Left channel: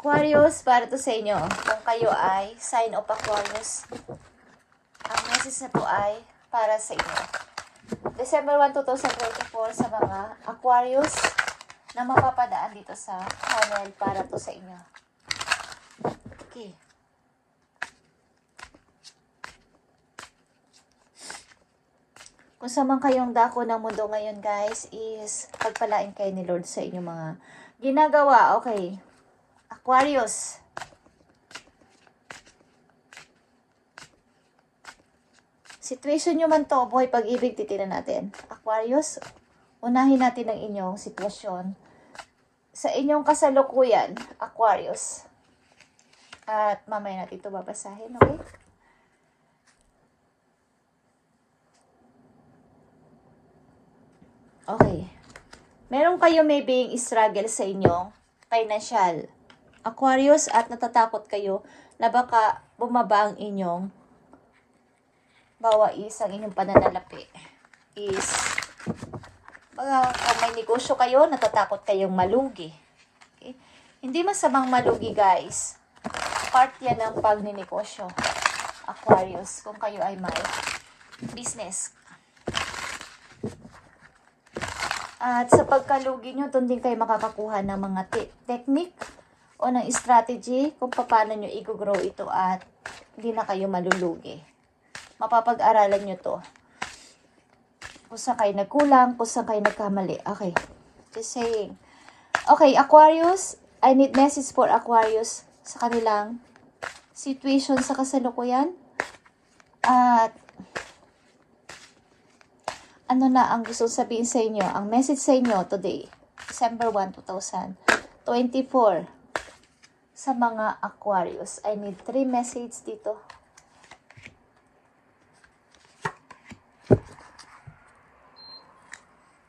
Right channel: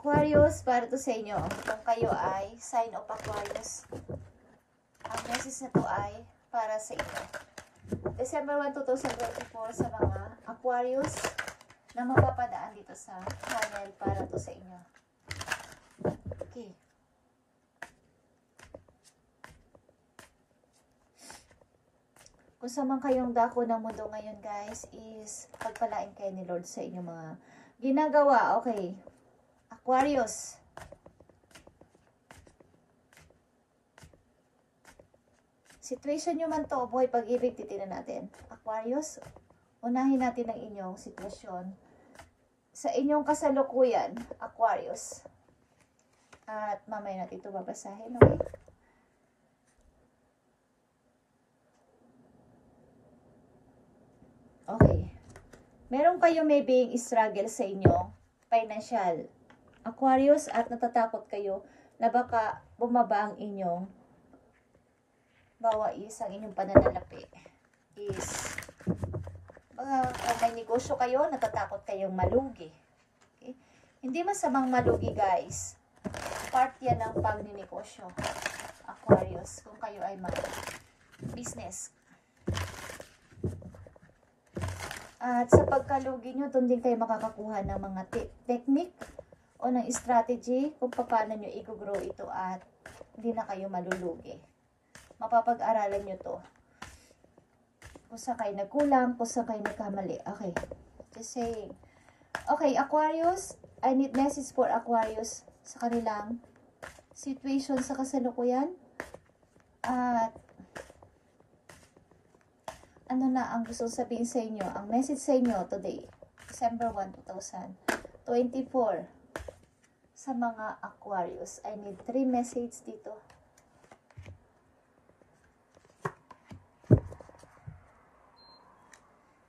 Aquarius, para to sa inyo. Kung kayo ay sign of Aquarius, ang message na to ay para sa inyo. December 1, 2024 sa mga Aquarius na mapapadaan dito sa channel para to sa inyo. Okay. Kung sa man kayong dako ng mundo ngayon guys is pagpalain kayo ni Lord sa inyong mga ginagawa. Okay. Aquarius. Situation nyo man to, buhay pag-ibig, titinan natin. Aquarius, unahin natin ang inyong sitwasyon. Sa inyong kasalukuyan, Aquarius. At mamaya natin ito babasahin, okay? Okay. Meron kayo maybe struggle sa inyong financial, Aquarius, at natatakot kayo na baka bumaba ang inyong bawais ang inyong pananalapi is kung may negosyo kayo, natatakot kayong malugi. Okay? Hindi masamang malugi guys. Part yan ng pagninegosyo, Aquarius, kung kayo ay may business. At sa pagkalugi nyo, doon din kayo makakakuha ng mga technique o ng strategy kung paano nyo i-grow ito at hindi na kayo malulugi. Mapapag-aralan nyo to. Kung saan kayo nagkulang, kung saan kayo nagkamali. Okay. Just saying. Okay, Aquarius. I need message for Aquarius sa kanilang situation sa kasalukuyan. At ano na ang gusto sabihin sa inyo? Ang message sa inyo today, December 1, 2024. Sa mga Aquarius. I need 3 messages dito.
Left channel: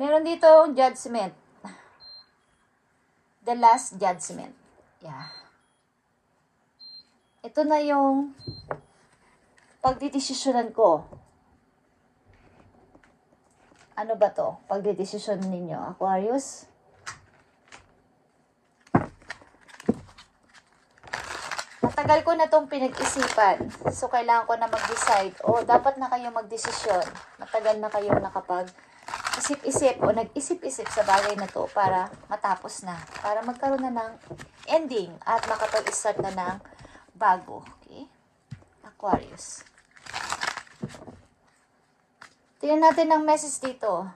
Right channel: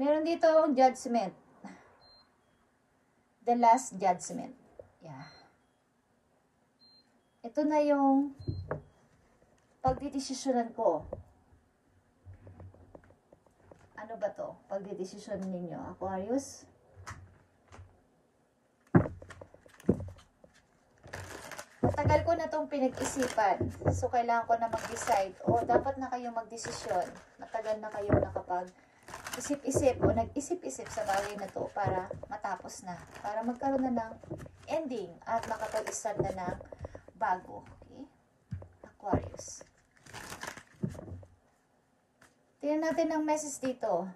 Meron dito yung judgment. The last judgment. Yeah. Ito na yung pagdidesisyonan ko. Ano ba to? Pagdidesisyon ninyo, Aquarius? Matagal ko na itong pinag-isipan. So, kailangan ko na mag-decide. O, dapat na kayo mag-desisyon. Matagal na kayo isip-isip o nag-isip-isip sa bagay na to para matapos na. Para magkaroon na ng ending at makapag-start na ng bago. Okay? Aquarius. Tingnan natin ang message dito.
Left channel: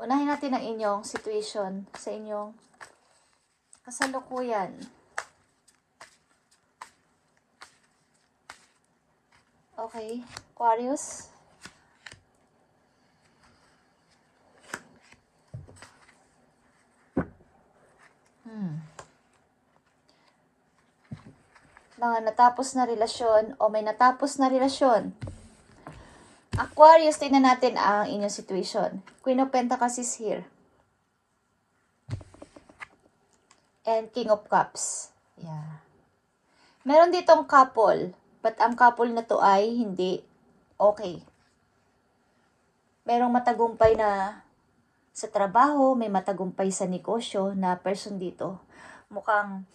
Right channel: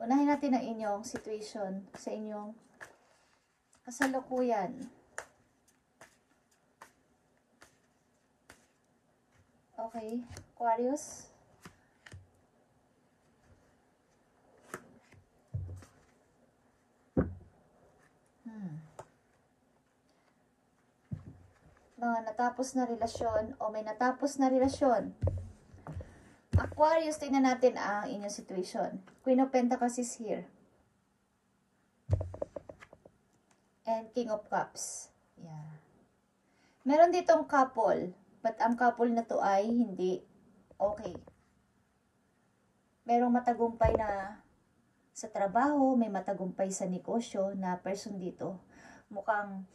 Unahin natin ang inyong situation sa inyong kasalukuyan. Okay, Aquarius. Mga natapos na relasyon o may natapos na relasyon. Aquarius, tingnan natin ang inyong situation. Queen of Pentacles is here. And King of Cups. Yeah. Meron ditong couple. But ang couple na to ay hindi okay. Merong matagumpay na sa trabaho, may matagumpay sa negosyo na person dito. Mukhang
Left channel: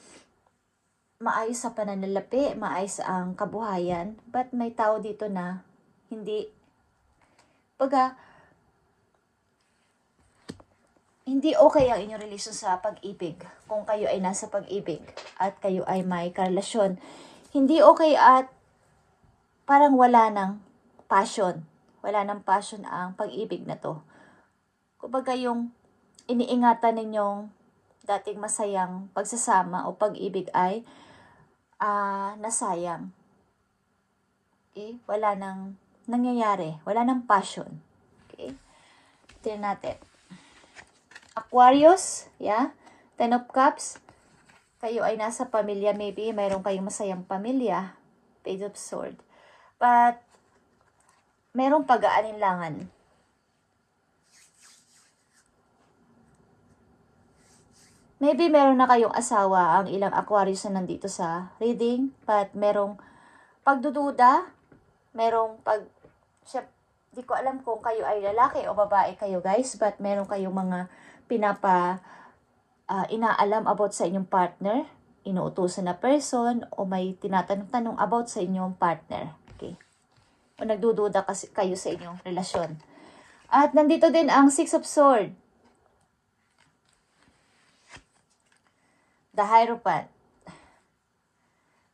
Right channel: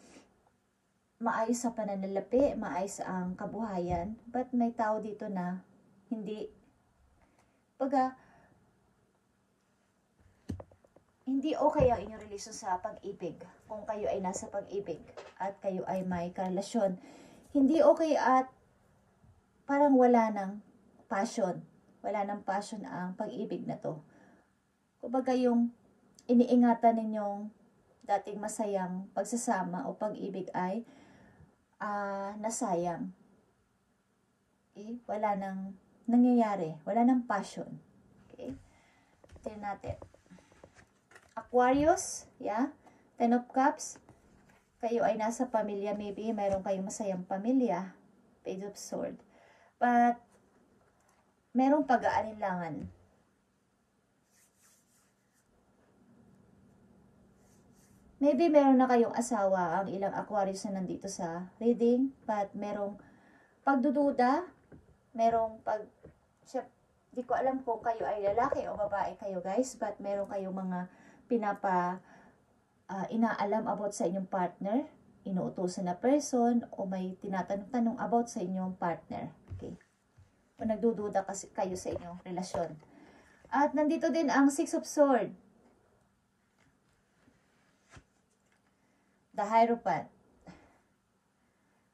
maayos ang pananalapi, maayos ang kabuhayan, but may tao dito na hindi, hindi okay ang inyong relasyon sa pag-ibig. Kung kayo ay nasa pag-ibig at kayo ay may karelasyon, hindi okay at parang wala ng passion. Wala ng passion ang pag-ibig na to. Kumbaga yung iniingatan ninyong dating masayang pagsasama o pag-ibig ay nasayang. Okay? Wala nang nangyayari. Wala nang passion. Okay? Tignan natin. Aquarius, yeah? 10 of Cups. Kayo ay nasa pamilya, maybe. Mayroon kayong masayang pamilya. Page of Swords. But, mayroong pag-aalinlangan. Maybe meron na kayong asawa ang ilang Aquarius na nandito sa reading, but merong pagdududa, merong di ko alam kung kayo ay lalaki o babae kayo guys, but meron kayong mga inaalam about sa inyong partner, inuutusan na person, o may tinatanong-tanong about sa inyong partner. Okay? O nagdududa kasi kayo sa inyong relasyon. At nandito din ang Six of Swords. The Hierophant.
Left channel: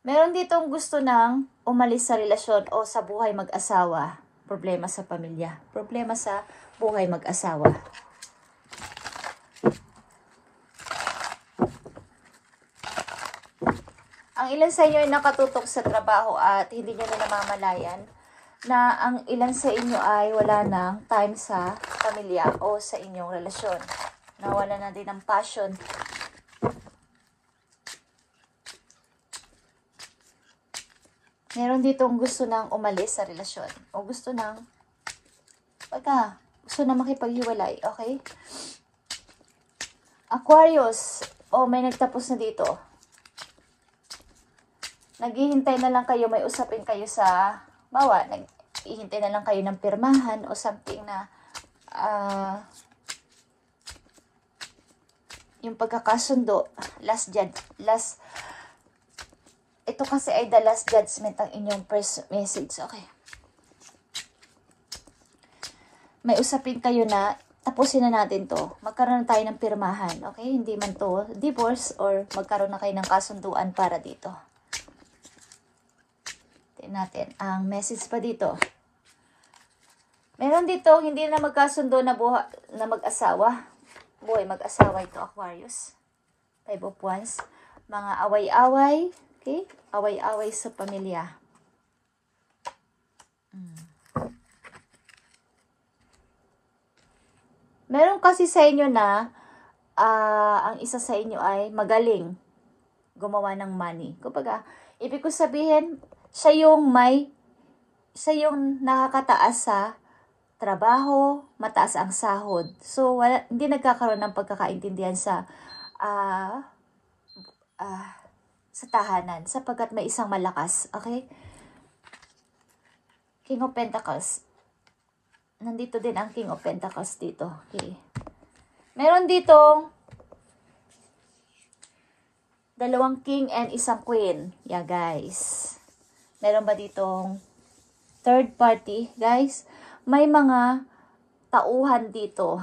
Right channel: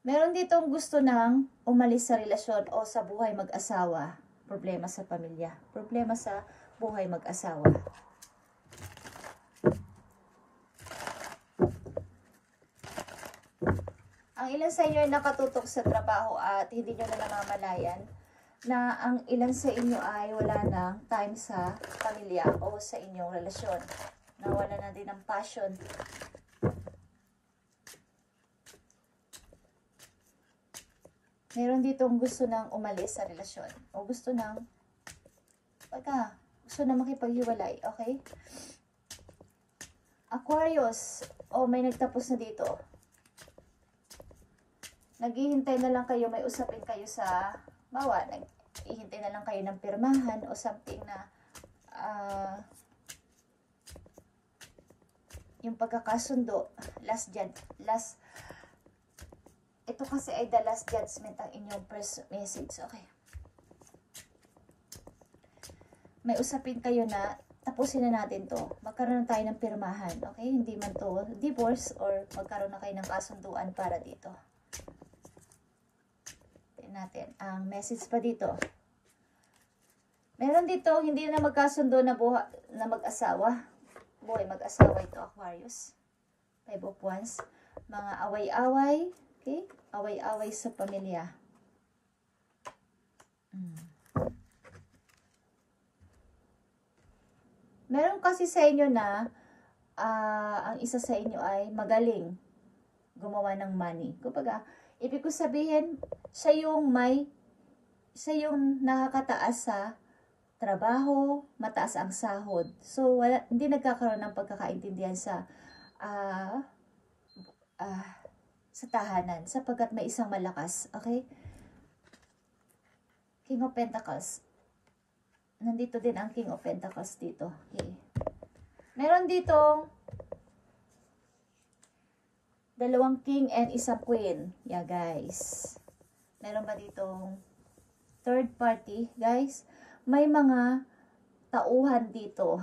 Meron ditong gusto ng umalis sa relasyon o sa buhay mag-asawa. Problema sa pamilya. Problema sa buhay mag-asawa. Ang ilan sa inyo ay nakatutok sa trabaho at hindi nyo na namamalayan na ang ilan sa inyo ay wala ng time sa pamilya o sa inyong relasyon. Nawala na din ng passion. Meron ditong gusto nang umalis sa relasyon o gusto nang gusto na makipaghiwalay, okay? Aquarius, may nagtapos na dito. Naghihintay na lang kayo, may usapin kayo sa naghihintay na lang kayo ng pirmahan o something na yung pagkakasundo, ito kasi ay the last judgment ang inyong first message. Okay. May usapin kayo na tapusin na natin to. Magkaroon na tayo ng pirmahan. Okay? Hindi man to divorce or magkaroon na kayo ng kasunduan para dito. Tingnan natin ang message pa dito. Meron dito hindi na magkasundo na mag-asawa. Buhay mag-asawa ito, Aquarius. 5 of Wands. Mga away-away. Okay? Away-away sa pamilya. Meron kasi sa inyo na ang isa sa inyo ay magaling gumawa ng money. Kumbaga, ibig ko sabihin, siya yung nakakataas sa trabaho, mataas ang sahod. So, hindi nagkakaroon ng pagkakaintindihan sa tahanan sapagkat may isang malakas. Okay? King of Pentacles. Nandito din ang King of Pentacles dito. Okay. Meron ditong dalawang king and isang queen. Yeah, guys. Meron ba ditong third party? Guys, may mga tauhan dito.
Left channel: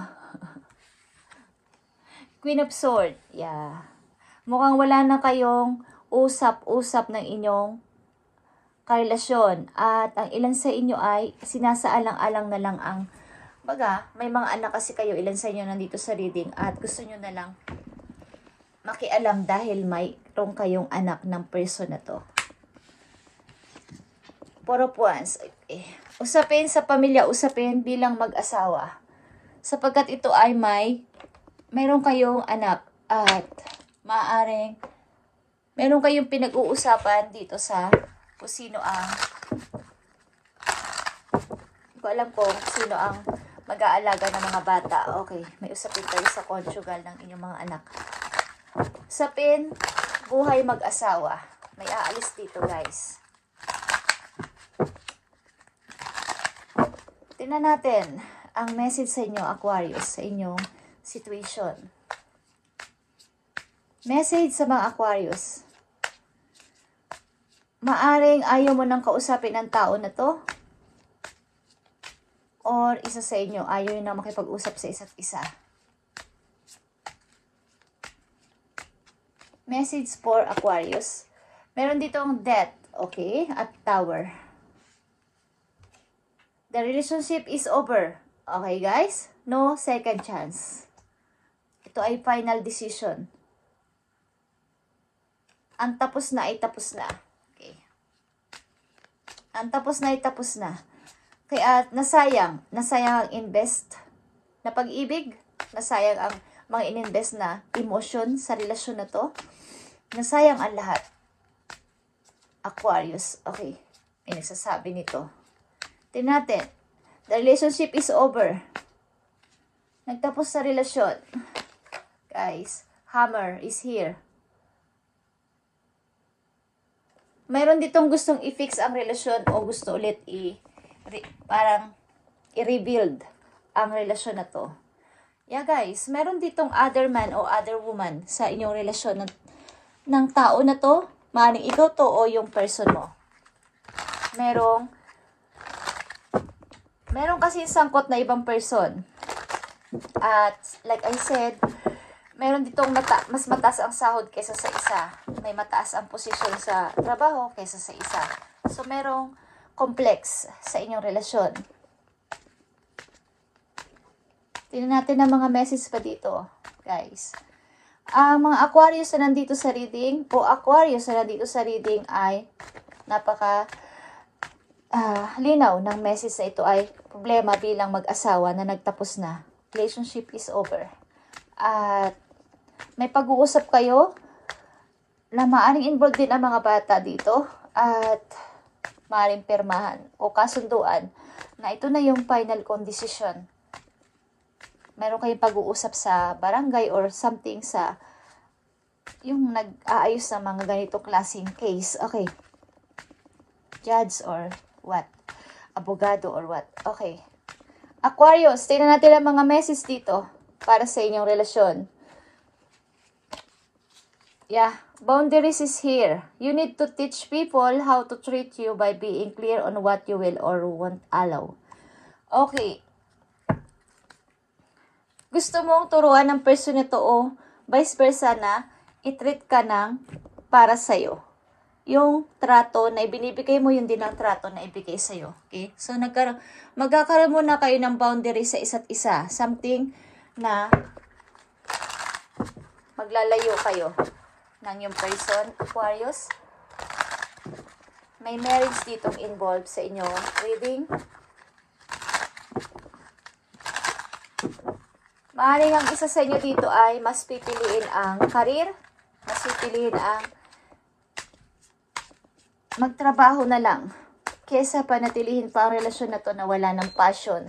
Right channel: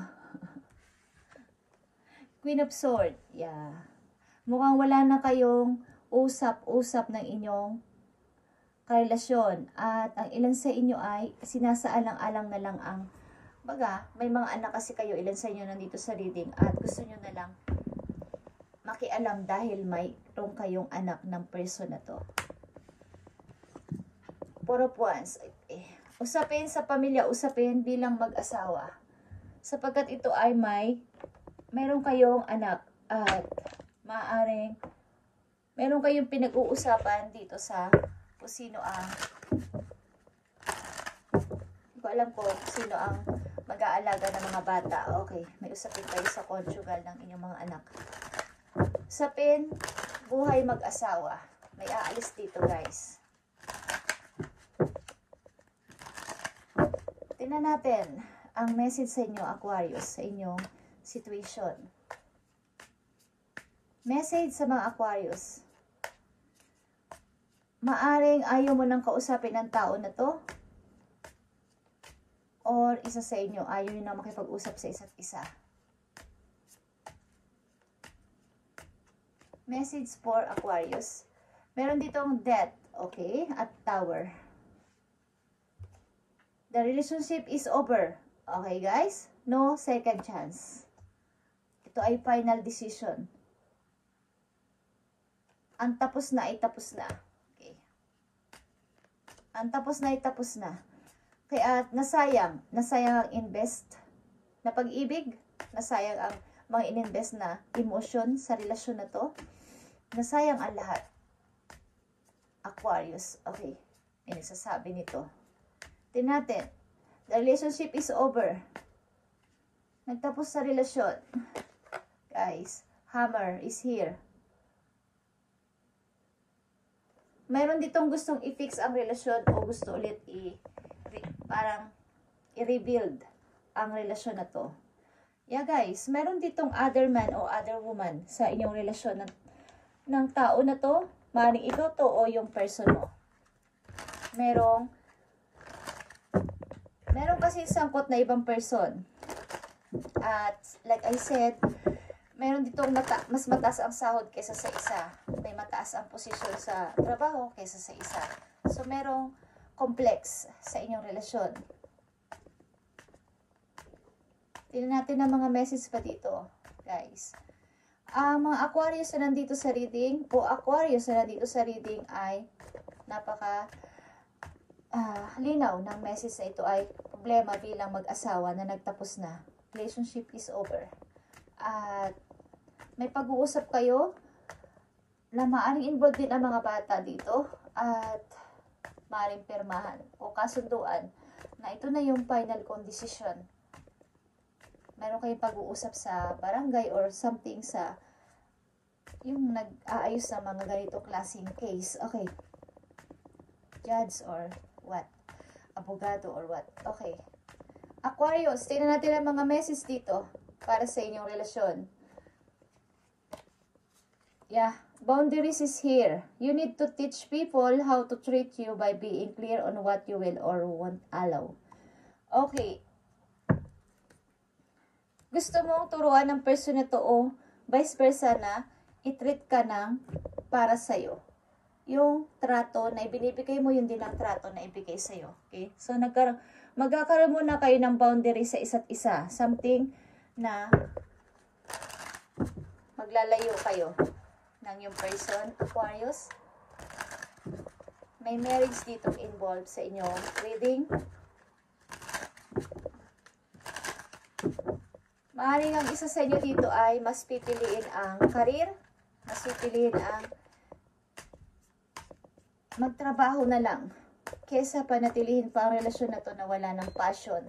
Queen of Swords. Yeah. Mukhang wala na kayong usap-usap ng inyong karelasyon. At ang ilan sa inyo ay sinasaalang-alang na lang ang may mga anak kasi kayo, ilan sa inyo nandito sa reading at gusto nyo na lang makialam dahil mayroong kayong anak ng person na to. Four of Wands. Usapin sa pamilya, usapin bilang mag-asawa. Sapagkat ito ay mayroong kayong anak at maaaring meron kayong pinag-uusapan dito sa kung sino ang hindi ko alam kung sino ang mag-aalaga ng mga bata. Okay, may usapin kayo sa conjugal ng inyong mga anak. Usapin, buhay mag-asawa. May aalis dito, guys. Tingnan natin ang message sa inyo, Aquarius, sa inyong situation. Message sa mga Aquarius. Maaring ayaw mo nang kausapin ang tao na to. Or isa sa inyo, ayaw nyo na makipag-usap sa isa't isa. Message for Aquarius. Meron ditong Death, okay? At Tower. The relationship is over. Okay, guys? No second chance. Ito ay final decision. Ang tapos na ay tapos na. Ang tapos na ay tapos na. Kaya nasayang ang invest na pag-ibig, nasayang ang mga ininvest na emotion sa relasyon na to. Nasayang ang lahat. Aquarius, okay. May nagsasabi nito. Tingnan natin. The relationship is over. Nagtapos sa relasyon. Guys, Hammer is here. Mayroon ditong gustong i-fix ang relasyon o gusto ulit parang i-rebuild ang relasyon na to. Yeah guys, meron ditong other man o other woman sa inyong relasyon ng tao na to. Maaaring ikaw to o yung person mo. Meron kasi sangkot na ibang person. At like I said, meron ditong mas mataas ang sahod kaysa sa isa. May mataas ang posisyon sa trabaho kaysa sa isa. So merong complex sa inyong relasyon. Tingnan natin ang mga message pa dito, guys. Ang mga Aquarius na nandito sa reading, o Aquarius na nandito sa reading ay napaka linaw ng message na ito ay problema bilang mag-asawa na nagtapos na. Relationship is over. At may pag-uusap kayo na maaaring involved din ang mga bata dito at maaaring pirmahan o kasunduan na ito na yung final decision. Meron kayong pag-uusap sa barangay or something sa yung nag-aayos ng mga ganitong klaseng case. Okay. Judge or what? Abogado or what? Okay. Aquarius, tingnan natin ang mga message dito para sa inyong relasyon. Yeah. Boundaries is here. You need to teach people how to treat you by being clear on what you will or won't allow. Okay. Gusto mong turuan ng person nito o vice versa na i-treat ka ng para sa'yo. Yung trato na ibinibigay mo, yun din ang trato na ibigay sa'yo. Okay? So, magkakaroon muna kayo ng boundary sa isa't isa. Something na maglalayo kayo ng yung person, Aquarius. May marriage ditong involved sa inyong reading. Maaaring ang isa sa inyo dito ay mas pipiliin ang karir, mas pipiliin ang magtrabaho na lang kesa panatilihin pa ang relasyon na to na wala ng passion.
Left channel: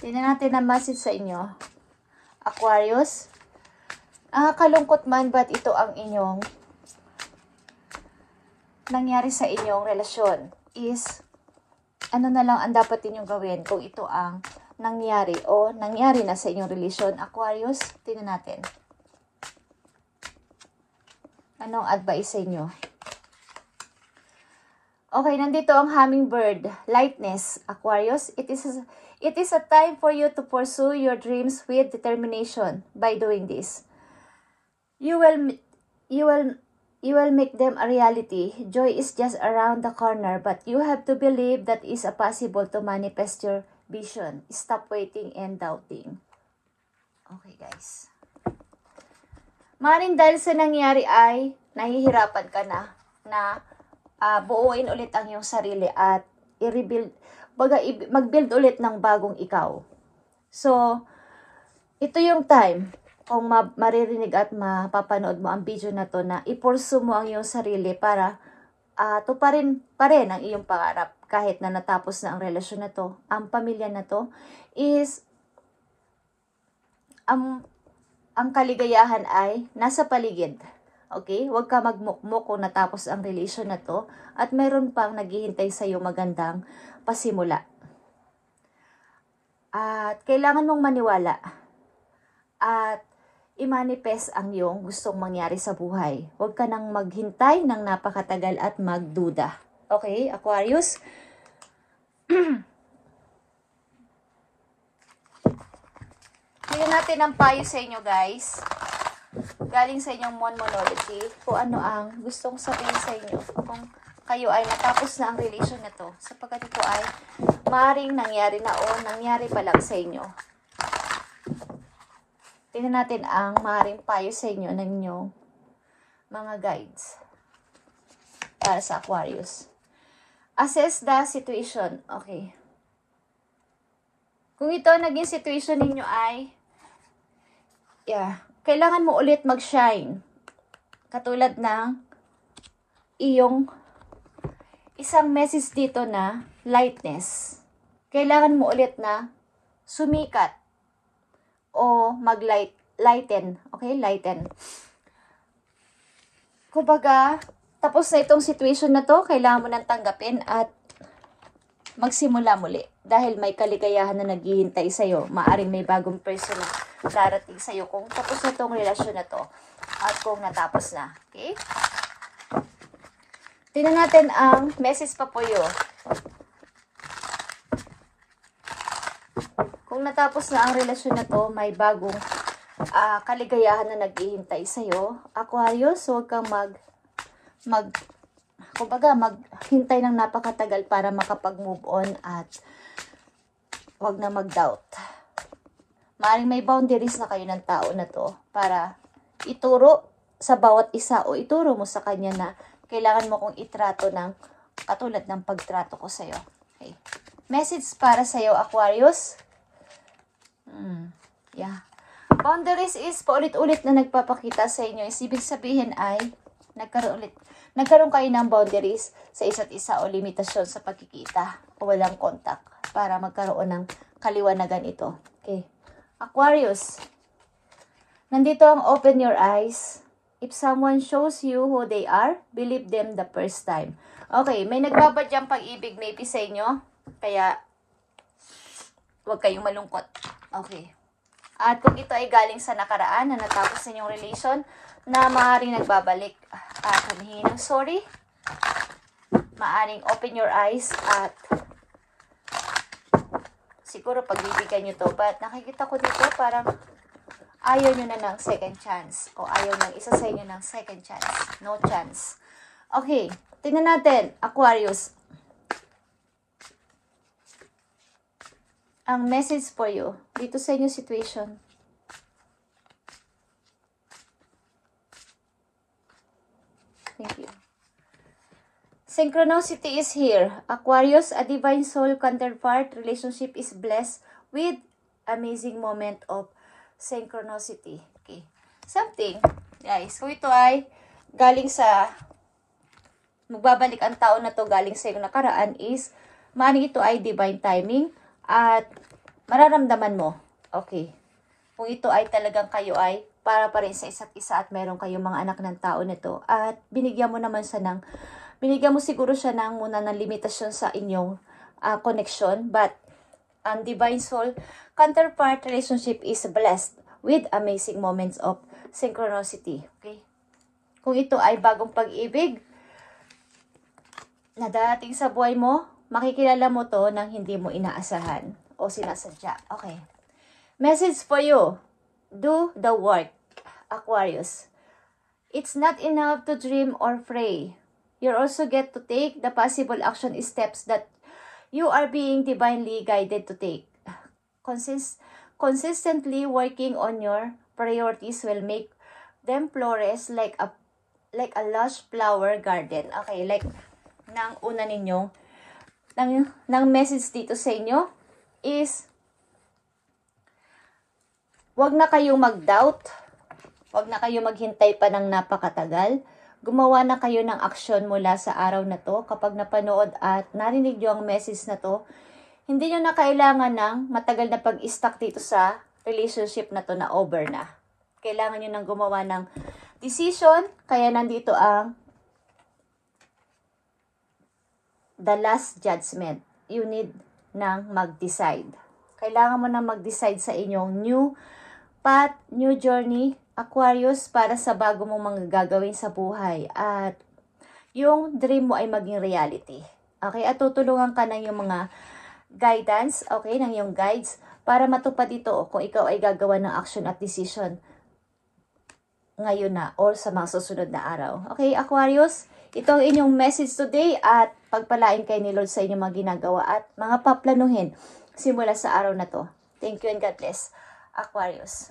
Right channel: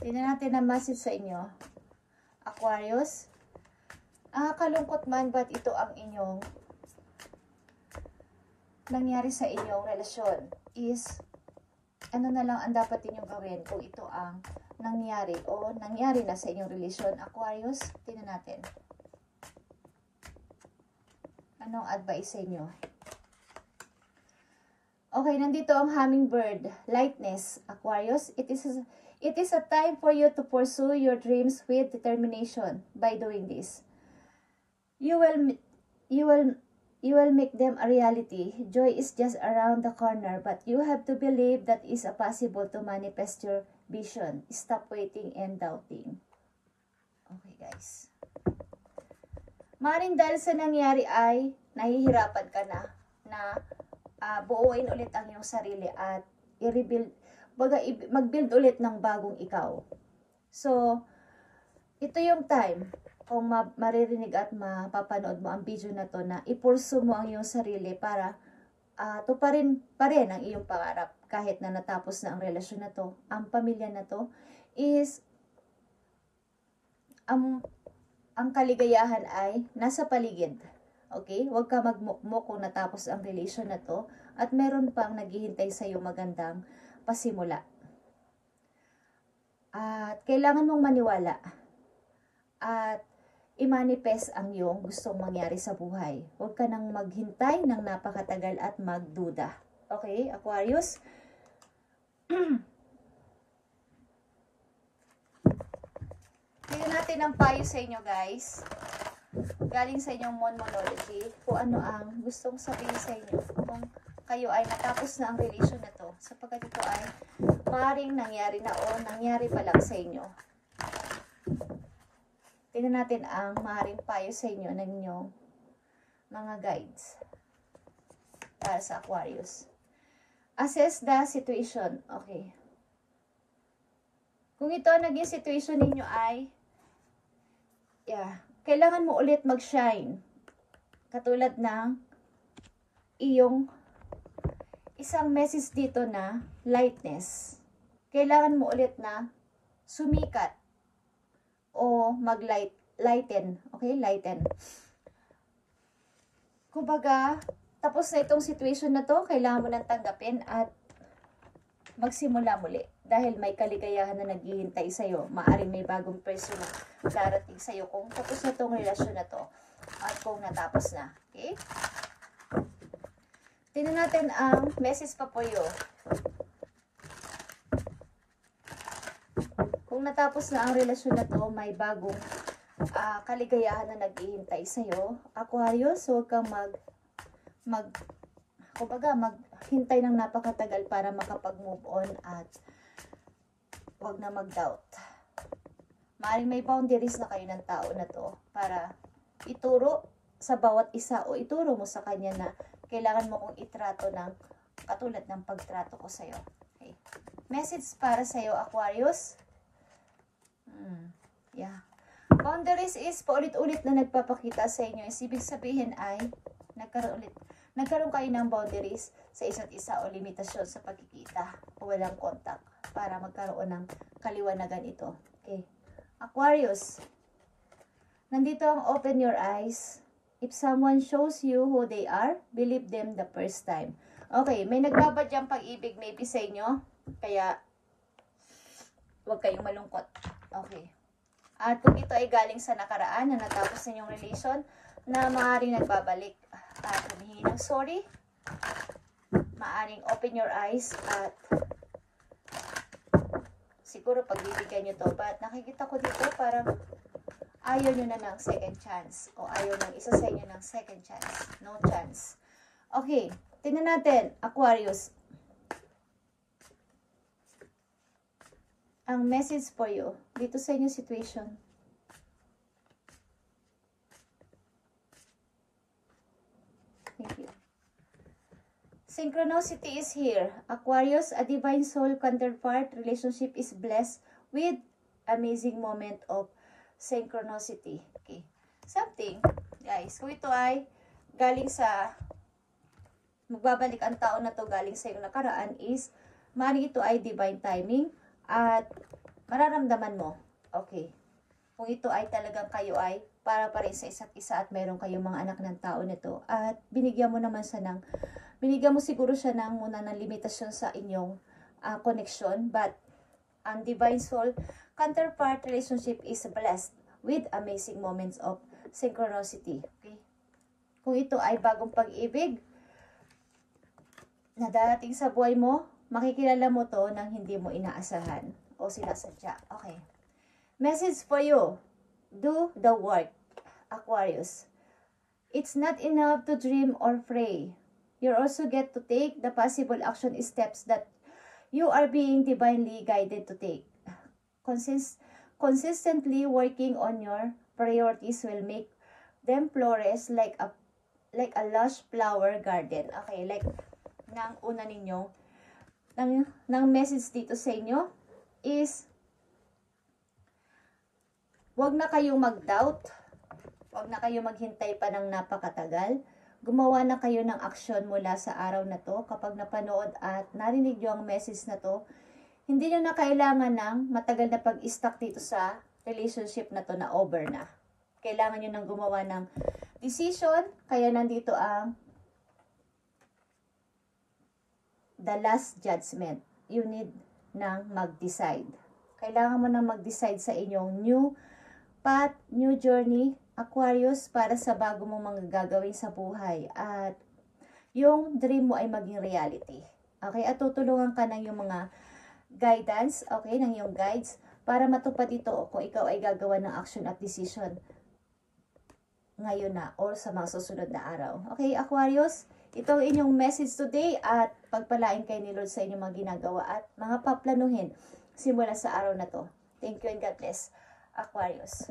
Tingnan natin ang message sa inyo. Aquarius, kalungkot man ba't ito ang inyong nangyari sa inyong relasyon is ano na lang ang dapat ninyong gawin kung ito ang nangyari o nangyari na sa inyong relasyon. Aquarius, tingnan natin. Anong advice sa inyo? Okay, nandito ang hummingbird. Lightness, Aquarius. It is a time for you to pursue your dreams with determination by doing this. You will make them a reality. Joy is just around the corner, but you have to believe that it's possible to manifest your vision. Stop waiting and doubting. Okay, guys. Maring dahil sa nangyari ay nahihirapan ka na buuin ulit ang iyong sarili at i-rebuild, mag-build ulit ng bagong ikaw. So, ito yung time kung maririnig at mapapanood mo ang video na to na i-pursue mo ang iyong sarili para tuparin pa rin ang iyong pangarap kahit na natapos na ang relasyon na to. Ang pamilya na to is ang kaligayahan ay nasa paligid. Okay? Huwag ka magmukmuk kung natapos ang relasyon na to at meron pang naghihintay sa iyo magandang pasimula. At kailangan mong maniwala at i-manifest ang iyong gustong mangyari sa buhay. Huwag ka nang maghintay ng napakatagal at magduda. Okay, Aquarius? Tingnan natin ang payo sa inyo, guys. Galing sa inyong Monology, kung ano ang gustong sabihin sa inyo. Kung kayo ay natapos na ang relation na to, sapagkat ito ay maaaring nangyari na o nangyari pa lang sa inyo. Tingnan natin ang maaaring payo sa inyo ng inyong mga guides para sa Aquarius. Assess the situation. Okay. Kung ito naging situation ninyo ay kailangan mo ulit mag-shine. Katulad ng iyong isang message dito na lightness. Kailangan mo ulit na sumikat o mag-lighten. Okay? Lighten. Kumbaga, tapos na itong situation na to, kailangan mo nang tanggapin at magsimula muli. Dahil may kaligayahan na naghihintay sa'yo. Maaring may bagong person darating sa'yo kung tapos na itong relasyon na to. At kung natapos na. Okay? Tingnan natin ang message pa po yun. Kung natapos na ang relasyon na to, may bagong kaligayahan na naghihintay sa'yo. Aquarius, huwag kang maghintay ng napakatagal para makapag-move on at huwag na mag-doubt. Maaaring may boundaries na kayo ng tao na to para ituro sa bawat isa o ituro mo sa kanya na kailangan mo kong itrato ng katulad ng pagtrato ko sa'yo. Okay. Message para sa'yo, Aquarius. Yeah. Boundaries is paulit-ulit na nagpapakita sa inyo. Ibig sabihin ay nagkaroon kayo ng boundaries sa isa't isa o limitasyon sa pagkikita o walang contact para magkaroon ng kaliwanagan ito. Okay. Aquarius, nandito ang open your eyes. If someone shows you who they are, believe them the first time. Okay, may nagbabadyang pag-ibig maybe sa inyo. Kaya, huwag kayong malungkot. Okay. At kung ito ay galing sa nakaraan na natapos sa inyong relation, na maaaring nagbabalik at humihingi ng sorry, maaaring open your eyes at siguro pagbibigyan nyo to. But nakikita ko dito parang ayaw nyo na ng second chance o ayaw ng isa sa inyo ng second chance. No chance. Okay, tingnan natin, Aquarius. Ang message for you dito sa inyong situation. Thank you. Synchronicity is here. Aquarius, a divine soul counterpart relationship is blessed with amazing moment of synchronicity. Okay. Something, guys, kung ito ay galing sa magbabalik ang tao na to galing sa iyong nakaraan is maaaring ito ay divine timing at mararamdaman mo. Okay. Kung ito ay talagang kayo ay para pa rin sa isa't isa at meron kayong mga anak ng tao nito at binigyan mo naman siya ng binigyan mo siguro siya ng muna ng limitasyon sa inyong connection, but ang divine soul counterpart relationship is blessed with amazing moments of synchronicity. Okay? Kung ito ay bagong pag-ibig na darating sa buhay mo, makikilala mo to nang hindi mo inaasahan o sinasadya. Okay. Message for you. Do the work, Aquarius. It's not enough to dream or pray. You also get to take the possible action steps that you are being divinely guided to take. Consistently working on your priorities will make them flourish like a lush flower garden. Okay, like nang una ninyo, nang message dito sa inyo is wag na kayong mag-doubt, wag na kayong maghintay pa ng napakatagal. Gumawa na kayo ng aksyon mula sa araw na to. Kapag napanood at narinig nyo ang message na to, hindi nyo na kailangan ng matagal na pag-stuck dito sa relationship na to na over na. Kailangan nyo nang gumawa ng decision, kaya nandito ang the last judgment. You need nang mag-decide. Kailangan mo nang mag-decide sa inyong new path, new journey, Aquarius, para sa bago mong mga gagawin sa buhay. At yung dream mo ay maging reality. Okay? At tutulungan ka ng yung mga guidance, okay, ng yung guides, para matupad ito kung ikaw ay gagawa ng action at decision ngayon na or sa mga susunod na araw. Okay, Aquarius? Ito ang inyong message today at pagpalain kay ni Lord sa inyong mga ginagawa at mga paplanuhin simula sa araw na to. Thank you and God bless, Aquarius.